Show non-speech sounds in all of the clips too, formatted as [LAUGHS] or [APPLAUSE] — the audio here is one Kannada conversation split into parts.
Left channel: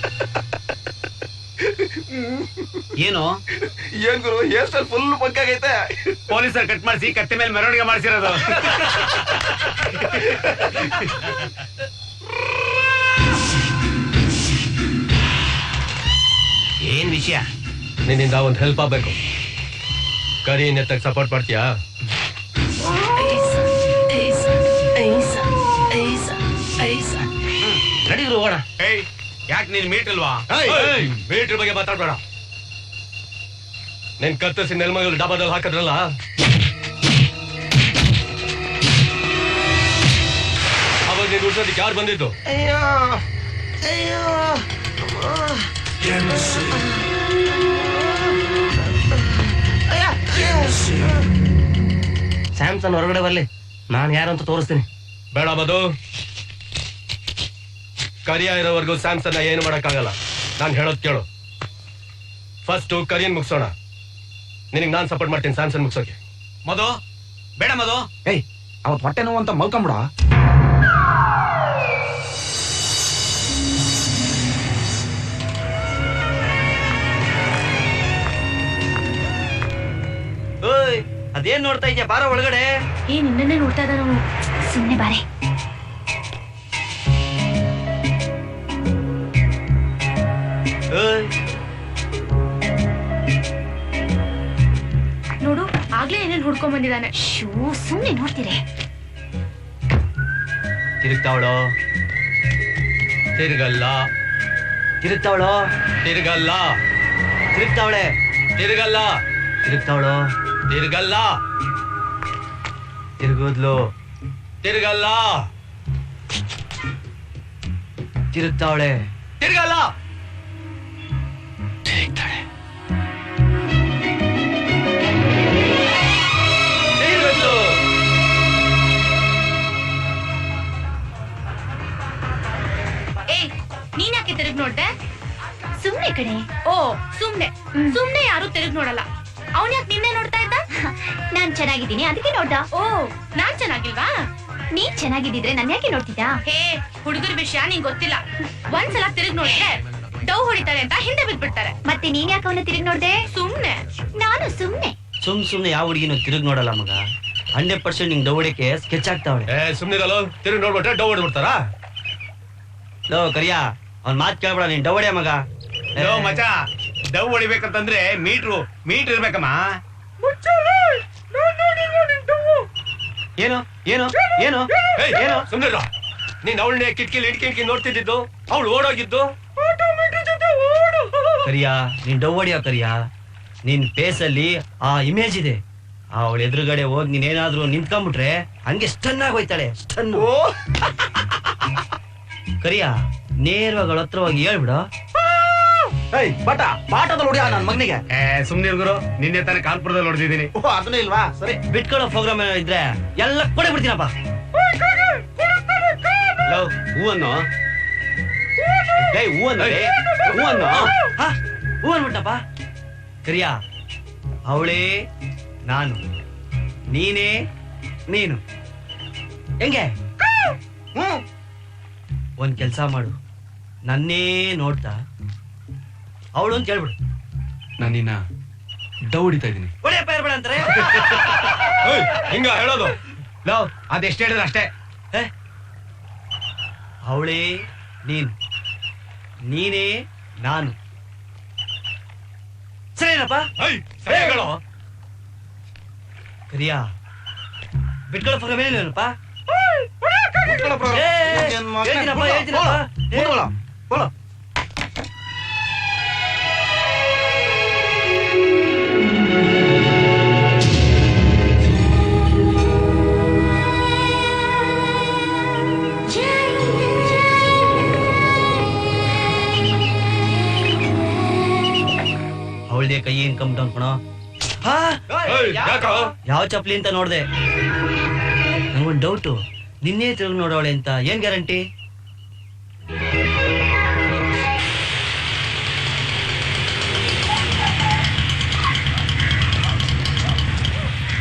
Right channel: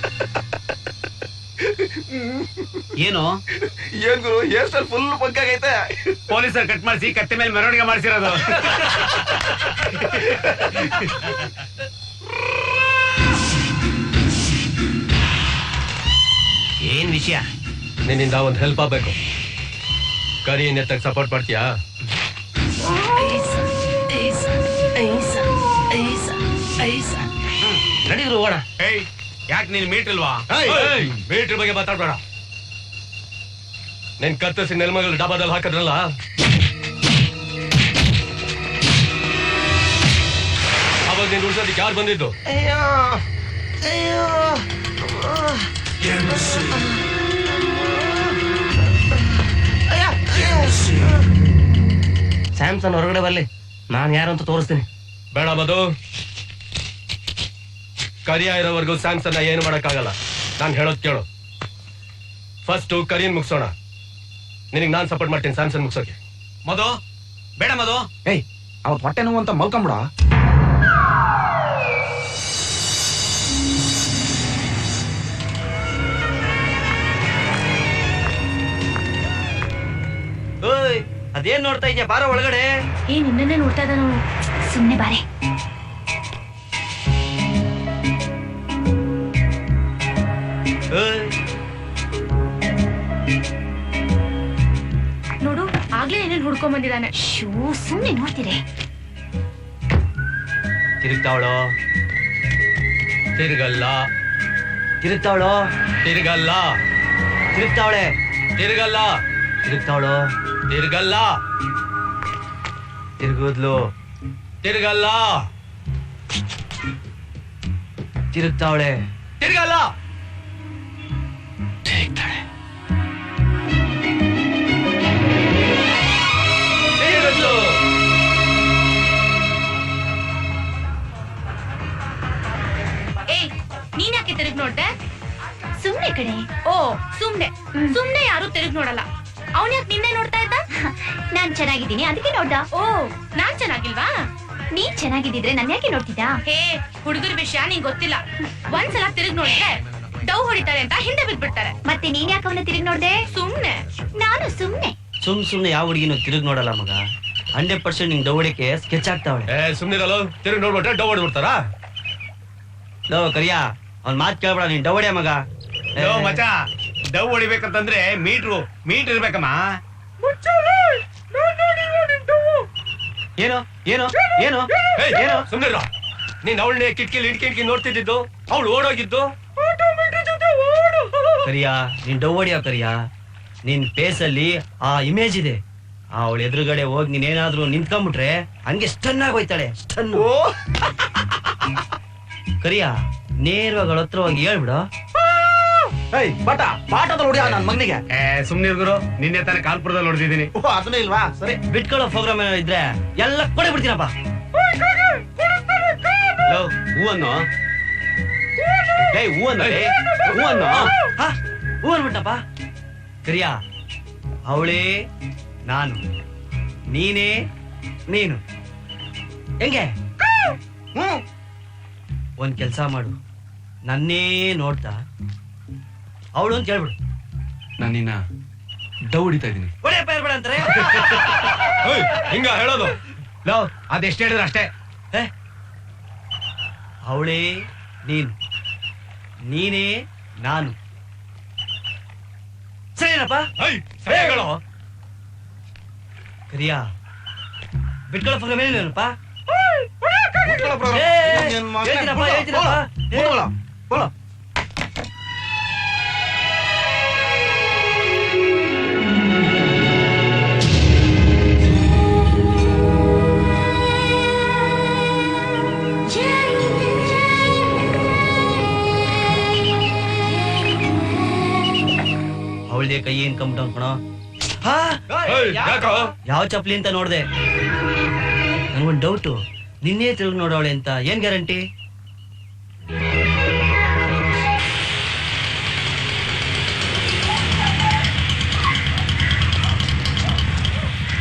[LAUGHS] ಏನು? ಏನ್ ಗುರು ಹೇರ್ ಸ್ಟೈಲ್ ಫುಲ್ ಪಕ್ಕಾಗೈತೆ ಪೊಲೀಸರ್ ಕಟ್ ಮಾಡಿಸಿ ಕತ್ತೆ ಮೇಲೆ ಮೆರವಣಿಗೆ ಮಾಡಿಸಿರೋದು. ಏನ್ ವಿಷಯ? ನಿನ್ನಿಂದ ಒಂದು ಹೆಲ್ಪ್ ಆಗ್ಬೇಕು. ಕರಿ ನೆತ್ತಕ್ಕೆ ಸಪೋರ್ಟ್ ಮಾಡ್ತೀಯಾ? ಯಾಕೆ ನೀನ್ ಮೀಟ್ ಇಲ್ವಾ ಮೀಟ್ರ್ ಬಗ್ಗೆ ಮಾತಾಡ್ಬೇಡ. ನಿನ್ ಕತ್ತರಿಸಿ ನೆಲ್ಮಗಳು ಡಾಬಾದಲ್ಲಿ ಹಾಕಿದ್ರಲ್ಲ? ಅವಾಗ ನೀನ್ ಉಳ್ಸೋದಕ್ಕೆ ಯಾರು ಬಂದಿದ್ದು? ಅಯ್ಯೋ ಅಯ್ಯೋ. ಸ್ಯಾಮ್ಸನ್ ಹೊರಗಡೆ ಬರ್ಲಿ. ನಾನು ಯಾರು ಅಂತ ತೋರಿಸ್ತೀನಿ. ಬೇಡ ಮಧು. ಕರಿಯ ಇರೋವರೆಗೂ ಸ್ಯಾಮ್ಸನ್ ಏನು ಮಾಡೋಕ್ಕಾಗಲ್ಲ. ನಾನು ಹೇಳೋದು ಕೇಳು. ಫಸ್ಟು ಕರಿಯನ್ ಮುಗಿಸೋಣ. ನಿನಗೆ ನಾನು ಸಪೋರ್ಟ್ ಮಾಡ್ತೀನಿ ಸ್ಯಾಮ್ಸನ್ ಮುಗಿಸೋಕೆ. ಮದು ಬೇಡ ಮದು ಏಯ್ ಅವ್ರ ಹೊಟ್ಟೆ ನೋವು ಅಂತ ಮಲ್ಕೊಂಬಿಡ. ಓಯ್ ಅದೇನ್ ನೋಡ್ತಾ ಇದ್ಯಾ? ಬಾರ ಒಳಗಡೆ. ಏ ನಿನ್ನೇ ನೋಡ್ತಾ ಇದ್ದಾನು ಸುಮ್ಮನೆ ಬಾರೆ. ಆಗ್ಲೇ ಏನೇನ್ ಹುಡ್ಕೊಂಡ್ ಬಂದಿದ್ದಾನೆ? ಶೂ ಸುಮ್ನೆ ನೋಡ್ತೀರಿ. ತಿರುಗ್ತಾವಳು? ತಿರ್ಗಲ್ಲ. ತಿರುಗ್ತಾವಳು? ತಿರುಗಲ್ಲ. ತಿರುಗ್ತಾವಳೆ? ತಿರುಗಲ್ಲ. ತಿರುಗ್ತಾವಳೋ? ತಿರುಗಲ್ಲ. ತಿರುಗೋದ್ಲು? ತಿರುಗಲ್ಲ. ತಿರುಗ್ತಾವಳೆ? ತಿರ್ಗಲ್ಲ. ಸುಮ್ನೆ ಕಡೆ ಓ ಸುಮ್ನೆ. ಸುಮ್ನೆ ಯಾರು ತಿರುಗ್ ನೋಡಲ್ಲ. ಅವನ್ ಯಾಕೆ ನಿನ್ನೆ ನೋಡ್ತಾ ಇದ್ದ? [LAUGHS] ನಾನ್ ಚೆನ್ನಾಗಿದ್ದೀನಿ. ಅದಕ್ಕೆ ನೋಡ್ದ. ಓ ನಾನ್ ಚೆನ್ನಾಗಿಲ್ವಾ? ನೀನ್ ಚೆನ್ನಾಗಿದ್ದಿದ್ರೆ ನನ್ ಯಾಕೆ ನೋಡ್ತಿದ್ದ ಹೇ ಹುಡುಗರ ವಿಷಯ ನಿಂಗ್ ಗೊತ್ತಿಲ್ಲ. ಒಂದ್ಸಲ ತಿರುಗ್ ನೋಡಿದ್ರೆ ಡೌ ಹೊಡಿತಾರೆ ಅಂತ ಹಿಂದೆ ಬಿದ್ಬಿಡ್ತಾರೆ. ಮತ್ತೆ ನೀನ್ ಯಾಕೆ ಅವನ ತಿರುಗ್ ನೋಡ್ದೆ? ಸುಮ್ನೆ. ನಾನು ಸುಮ್ನೆ. ಸುಮ್ ಸುಮ್ನೆ ಯಾವ ಹುಡುಗಿನ ತಿರುಗ್ ನೋಡಲ್ಲ ಮಗ. ಹಂಡ್ರೆಡ್ ಪರ್ಸೆಂಟ್ ನಿಂಗ್ ದೌಡಕ್ಕೆ ಸ್ಕೆಚ್ ಆಗ್ತಾವಳೆ ಸುಮ್ನೆ ಸುಮ್ನಿರಲ್ಲ ತಿರುಗಿ ನೋಡ್ಬಿಟ್ರೆ ಡೌ ಹೊಡ್ಬಿಡ್ತಾರಾ? ಲೋ ಕರಿಯಾ ಅವ್ನ್ ಮಾತ್ ಕೇಳ್ಬೇಡ ನೀನ್ ಡೌಡೆ ಮಗ. ಯೋ ಮಚ ಡವ್ ಹೊಡಿಬೇಕಂತಂದ್ರೆ ಮೀಟ್ರು ಮೀಟರ್ ಇರ್ಬೇಕಮ್ಮ. ಏನು ಏನು ಏನು ಏನು? ಸುಮ್ನಿರ. ನೀನ್ ಅವಳನ್ನೇ ಕಿಟಕಿಲಿ ಹಿಡ್ಕಿ ನೋಡ್ತಿದ್ದು ಅವಳು ಓಡೋಗಿದ್ದು. ಕರಿಯಾ ನೀನ್ ಡವ್ ಹೊಡಿಯೋ ಕರಿಯಾ? ನಿನ್ ಫೇಸ್ ಅಲ್ಲಿ ಆ ಇಮೇಜ್ ಇದೆ. ಅವಳ ಎದುರುಗಡೆ ಹೋಗಿ ನೀನೇನಾದ್ರೂ ನಿಂತ್ಕೊಂಡ್ಬಿಟ್ರೆ ಹಂಗೆ ಸ್ಟನ್ ಆಗೋಯ್ತಾಳೆ ಸ್ಟನ್ ಕರಿಯಾ ನೇರವಾಗಿ ಅವಳ ಹತ್ರ ಹೋಗಿ ಹೇಳ್ಬಿಡು. ಏಯ್ ಬಟ ಪಾಠದಲ್ಲಿ ಹೊಡಿಯ ನನ್ನ ಮಗನಿಗೆ? ಏ ಸುಮ್ನೆ ಗುರು. ನಿನ್ನೆ ತಾನೇ ಕಾಲ್ಪುರದಲ್ಲಿ ಹೊಡೆದಿದ್ದೀನಿ. ಓ ಅದನ್ನ ಇಲ್ವಾ? ಸರಿ. ಬಿಟ್ಕೊಳ್ಳೋ ಪ್ರೋಗ್ರಾಮ್ ಏನೋ ಇದ್ರೆ ಎಲ್ಲ ಕೊಡೆ ಬಿಡ್ತೀನಪ್ಪ ಹೂವನ್ನು? ಲೇ ಹೂವನ್ನು ಹೂವನ್ನು? ಹಾ ಹೂ ಅನ್ಬಿಟ್ಟಪ್ಪ. ಕರಿಯಾ ಅವಳೇ ನಾನು. ನೀನೇ ನೀನು. ಹೆಂಗೆ? ಒಂದ್ ಕೆಲ್ಸ ಮಾಡು. ನನ್ನೇ ನೋಡ್ತಾ ಅವಳು ಅಂತ ಹೇಳ್ಬಿಡು ನಾನು ನಿನ್ನ ಡವ್ ಹೊಡಿತಾ ಇದ್ದೀನಿ ಒಳ್ಳೆಯಪ್ಪ ಬೇಡ ಅಂತಾರೆ ಏಯ್, ಹಿಂಗ ಹೇಳೋದು ಲೋ ಅದೆಷ್ಟು ಹೇಳಿದ್ರೆ ಅಷ್ಟೇ ಅವಳೇ ನೀನು ನೀನೇ ನಾನು ಸರಿನಪ್ಪ ಏಯ್, ಸರಿ ಹೇಳು. ಕರಿಯಾ ಬಿಟ್ಕೊಳ್ಳೋ ಪ್ರೋಗ್ರಾಮ್ ಏನಿಲ್ಲಪ್ಪ ಬಿಟ್ಕೊಳ್ಳೋ program. ಹೇಳ್ತೀನಪ್ಪ, ಹೇಳ್ತೀನಪ್ಪ. ಯಾವ ಚಪ್ಪಲಿ ಅಂತ ನೋಡ್ದೆ? ನಂಗೊಂದು ಡೌಟು ನಿನ್ನೆ ತಿರುಗಿ ನೋಡೋಳೆ ಅಂತ ಏನ್ ಗ್ಯಾರಂಟಿ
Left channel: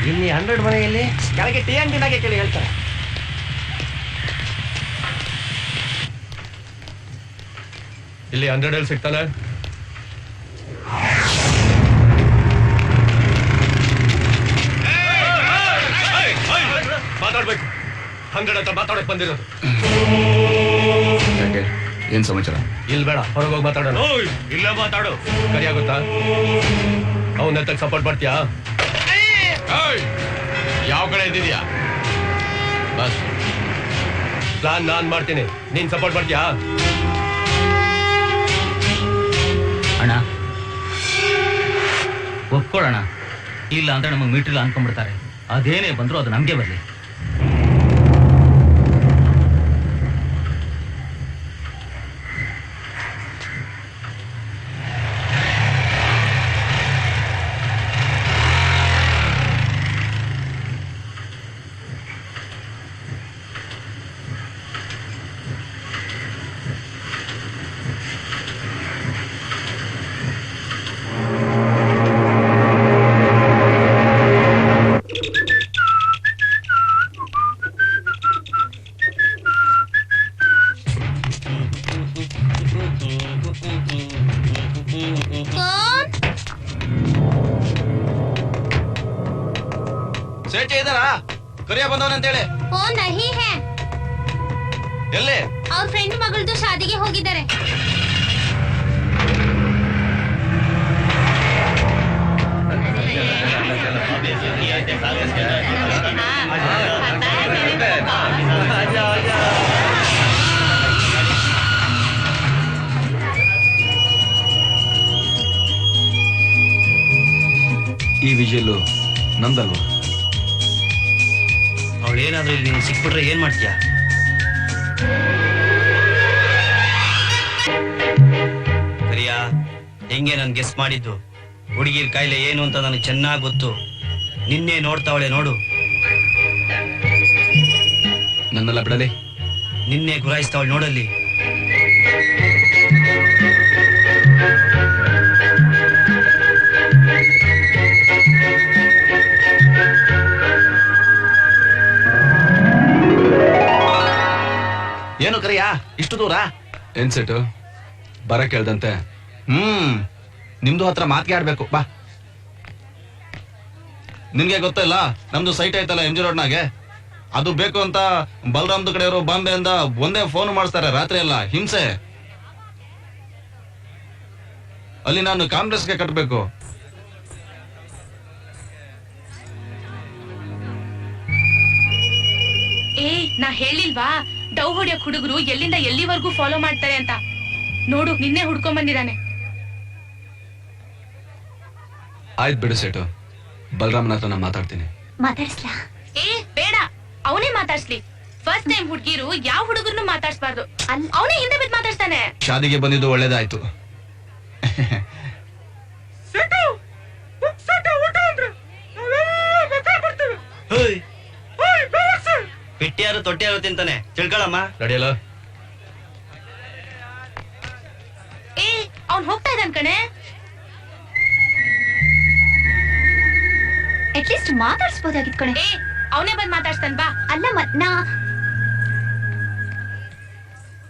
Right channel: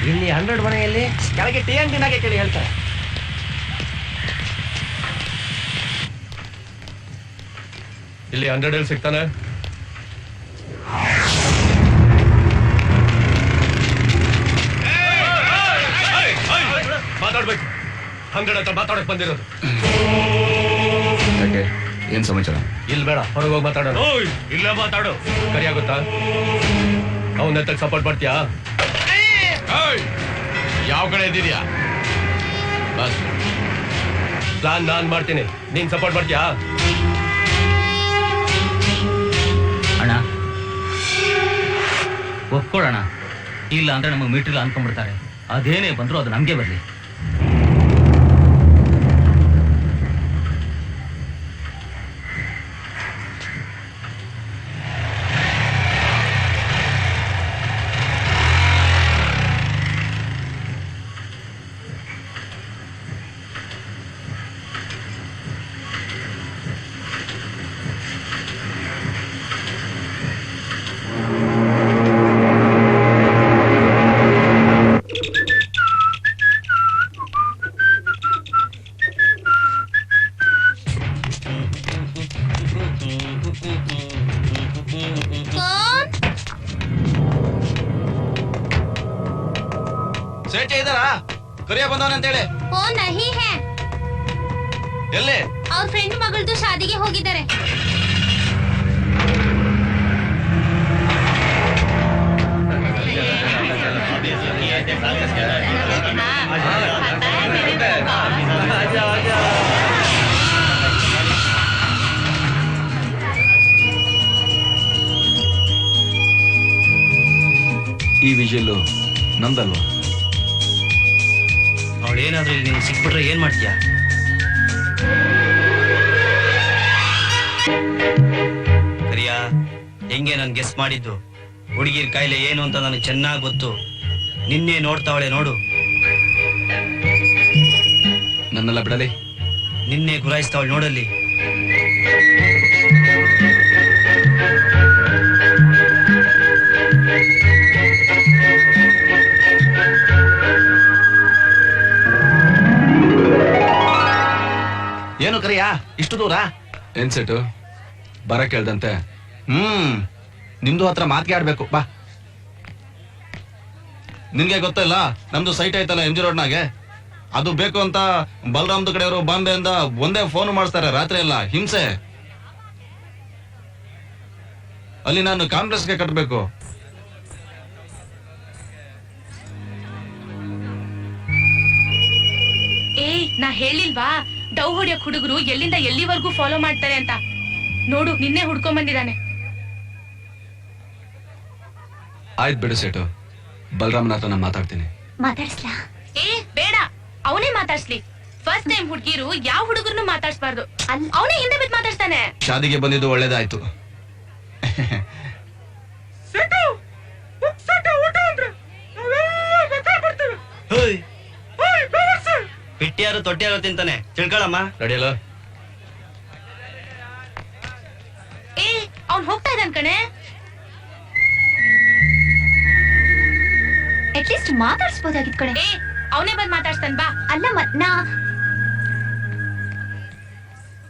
ಇಲ್ಲಿ ಹಂಡ್ರೆಡ್ ಮನೆಯಲ್ಲಿ ಕೆಳಗೆ ಟಿ ಎನ್ ಟಿನಾಗೆ ಕೇಳಿ ಹೇಳ್ತಾರೆ. ಇಲ್ಲಿ ಹಂಡ್ರೆಡ್ ಅಲ್ಲಿ ಸಿಗ್ತಾನೆ. ಮಾತಾಡ್ಬೇಕು. ಹಂಗಡ ಹತ್ರ ಮಾತಾಡಕ್ ಬಂದಿರೋದು. ಯಾಕೆ? ಏನ್ ಸಮಾಚಾರ? ಇಲ್ಲಿ ಬೇಡ ಹೊರಗೆ ಹೋಗಿ ಮಾತಾಡೋಣ. ಓಯ್ ಇಲ್ಲ ಮಾತಾಡು. ಕರಿಯಾಗುತ್ತಾ ಅವನ ಎತ್ತಕ್ ಸಪೋರ್ಟ್ ಮಾಡ್ತೀಯಾ? ಯಾವ ಕಡೆ ಇದ್ದೀರಿಯಾ ಬಸ್. ಪ್ಲಾನ್ ನಾನ್ ಮಾಡ್ತೀನಿ. ನೀನ್ ಸಪೋರ್ಟ್ ಮಾಡ್ತೀಯಾ? ಅಣ್ಣ. ಒಪ್ಕೊಳ್ಳೋಣ ಇಲ್ಲ ಅಂದ್ರೆ ನಮಗೆ ಮೀಟ್ರಿಲ್ಲ ಅನ್ಕೊಂಡ್ಬಿಡ್ತಾರೆ. ಅದೇನೇ ಬಂದ್ರು ಅದು ನಮಗೆ ಬರಲಿ. ಫೋನ್? ಸೇಠ ಇದಾರಾ ಕರಿಯ ಬಂದವನಂತೇಳಿ ಫೋನ್ ನಹಿ ಹೇ. ಎಲ್ಲಿ? ಅವ್ರ ಫ್ರೆಂಡ್ ಮಗಳದು ಶಾದಿಗೆ ಹೋಗಿದ್ದಾರೆ. ಈ ವಿಜಯಲ್ಲು ನಂದಲ್ವಾ ಅವಳು ಏನಾದ್ರೂ ಇಲ್ಲಿ ನೀನು ಸಿಕ್ಬಿಟ್ರೆ ಏನ್ ಮಾಡ್ತೀಯಾ? ಕರಿಯಾ ಹೆಂಗೆ ನಾನು ಗೆಸ್ ಮಾಡಿದ್ದು. ಹುಡುಗಿರ್ ಕಾಯಿಲೆ ಏನು ಅಂತ ನನಗೆ ಚೆನ್ನಾಗಿ ಗೊತ್ತು. ನಿನ್ನೆ ನೋಡ್ತಾವಳೆ ನೋಡು. ನನ್ನೆಲ್ಲ ಬಿಡಲಿ. ನಿನ್ನೆ ಗುರಾಯಿಸ್ತಾವಳು ನೋಡಲ್ಲಿ. ಏನು ಕರಿಯಾ? ಇಷ್ಟು ದೂರ? ಏನ್ ಸೆಟು? ಬರ ಕೇಳ್ದಂತೆ. ಹ್ಮ್. ನಿಮ್ದು ಹತ್ರ ಮಾತಿಗೆ ಆಡ್ಬೇಕು. ಬಾ. ನಿನ್ಗೆ ಗೊತ್ತಿಲ್ಲ ನಮ್ದು ಸೈಟ್ ಐತಲ್ಲ ಎಂ ಜಿ ರೋಡ್ನಾಗೆ ಅದು ಬೇಕು ಅಂತ ಬಲರಾಮ್ದು ಕಡೆಯವರು ಬಾಂಬೆಯಿಂದ ಒಂದೇ ಫೋನ್ ಮಾಡಿಸ್ತಾರೆ ರಾತ್ರಿ ಎಲ್ಲ. ಹಿಂಸೆ. ಅಲ್ಲಿ ನಾನು ಕಾಂಗ್ರೆಸ್ಗೆ ಕಟ್ಟಬೇಕು ಏ ನಾ ಹೇಳಿಲ್ವಾ? ಡವ್ ಹೊಡಿಯಕ್ ಹುಡುಗರು ಎಲ್ಲಿಂದ ಎಲ್ಲಿವರೆಗೂ ಫಾಲೋ ಮಾಡ್ತಾರೆ ಅಂತ. ನೋಡು ನಿನ್ನೆ ಹುಡ್ಕೊಂಡ್ ಬಂದಿದ್ದಾನೆ. ಆಯ್ತು ಬಿಡು ಸೇಟು. ಬಲರಾಮನ ಹತ್ರ ನಾನು ಮಾತಾಡ್ತೀನಿ. ಮಾತಾಡ್ಸ್ಲಾ? ಏ ಬೇಡ. ಅವನೇ ಮಾತಾಡ್ಸ್ಲಿ. ಫಸ್ಟ್ ಟೈಮ್ ಹುಡುಗಿರು ಯಾವ ಹುಡುಗರನ್ನು ಮಾತಾಡ್ಸ್ಬಾರ್ದು. ಅವನೇ ಹಿಂದೆ ಬಿದ್ದು ಮಾತಾಡ್ತಾನೆ ಶಾದಿಗೆ ಬಂದಿದ್ದು ಒಳ್ಳೇದಾಯ್ತು. ಹೋಯ್ ಬಿಟ್ಟಿಯಾರು ತೊಟ್ಟಿಯಾರು ತಿಂತಾನೆ. ತಿಳ್ಕೊಳಮ್ಮ. ನಡೆಯಲ್ಲ. ಏ ಅವ್ನ್ ಹೋಗ್ತಾ ಇದ್ದಾನೆ ಕಣೆ. ಅಟ್ಲೀಸ್ಟ್ ಮಾತಾಡ್ಸ್ಬೋದಾಗಿತ್ ಕಣೆ. ಏ ಅವನೇ ಬಂದ್ ಮಾತಾಡ್ಸ್ತಾನ ಬಾ. ಅಲ್ಲ ಮ- ನಾ